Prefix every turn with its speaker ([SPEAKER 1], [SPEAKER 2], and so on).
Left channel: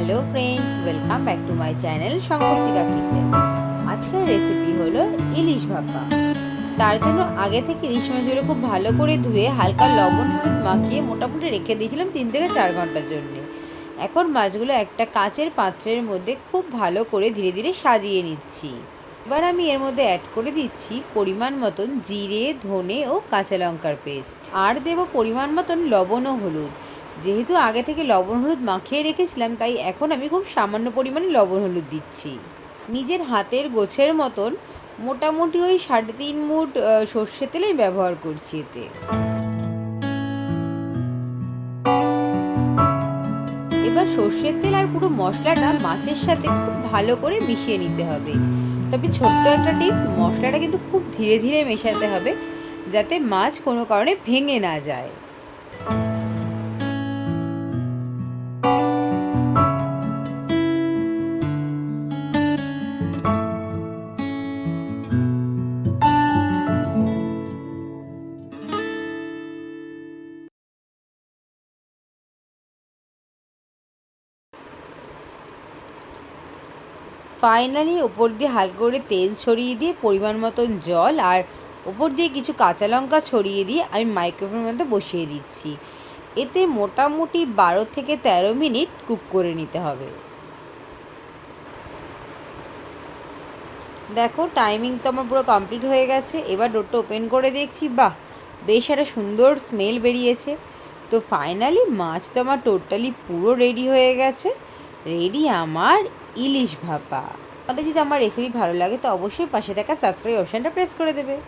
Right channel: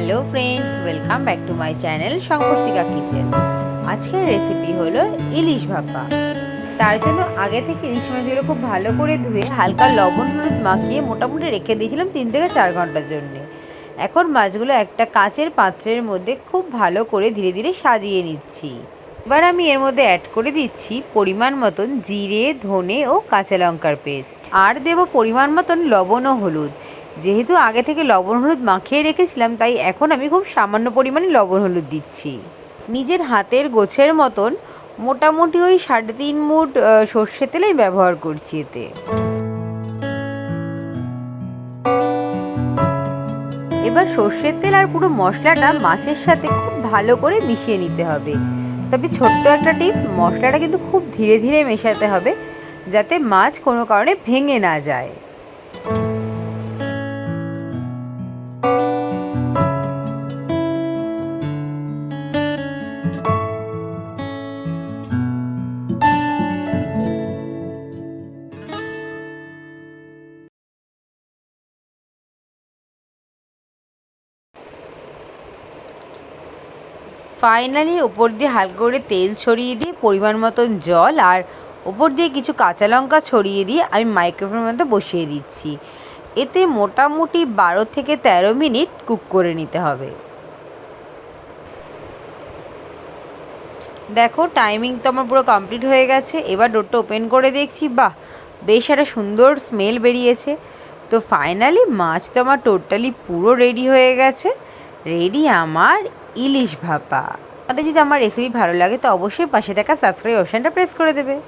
[SPEAKER 1] Hello friends, welcome back to my channel শঙ্করতিকা kitchen. আজকের recipe হলো ইলিশ ভাপা। তার জন্য আগে থেকে ইলিশ মাছগুলো খুব ভালো করে ধুয়ে হালকা লবণ হলুদ মাখিয়ে মোটামুটি রেখে দিয়েছিলাম তিন থেকে চার ঘণ্টার জন্য। এখন মাছগুলো একটা কাঁচের পাত্রের মধ্যে খুব ভালো করে ধীরে ধীরে সাজিয়ে নিচ্ছি। এবার আমি এর মধ্যে অ্যাড করে দিচ্ছি পরিমাণ মতন জিরে, ধনে ও কাঁচা লঙ্কার পেস্ট আর দেব পরিমাণ মতন লবণ ও হলুদ। যেহেতু আগে থেকে লবণ হলুদ মাখিয়ে রেখেছিলাম, তাই এখন আমি খুব সামান্য পরিমাণে লবণ হলুদ দিচ্ছি। নিজের হাতের গোছের মতন মোটামুটি ওই সাড়ে তিন মুট সর্ষে তেলেই ব্যবহার করছি এতে। এবার সর্ষের তেল আর পুরো মশলাটা মাছের সাথে খুব ভালো করে মিশিয়ে নিতে হবে। তবে ছোট্ট একটা টিপস, মশলাটা কিন্তু খুব ধীরে ধীরে মেশাতে হবে, যাতে মাছ কোনো কারণে ভেঙে না যায়। ফাইনালি ওপর দিয়ে হালকা করে তেল ছড়িয়ে দিয়ে পরিমাণ মতন জল আর ওপর দিয়ে কিছু কাঁচা লঙ্কা ছড়িয়ে দিয়ে আমি মাইক্রোফোনের মধ্যে বসিয়ে দিচ্ছি। এতে মোটামুটি বারো থেকে তেরো মিনিট কুক করে নিতে হবে। দেখো টাইমিং তো আমার পুরো কমপ্লিট হয়ে গেছে। এবার ডোরটা ওপেন করে দেখছি, বাহ! বেশ একটা সুন্দর স্মেল বেরিয়েছে। তো ফাইনালি মাছ তো আমার টোটালি পুরো রেডি হয়ে গেছে। রেডি আমার ইলিশ ভাপা। তাদের যদি আমার রেসিপি ভালো লাগে, তো অবশ্যই পাশে থাকা সাবস্ক্রাইব অপশানটা প্রেস করে দেবে।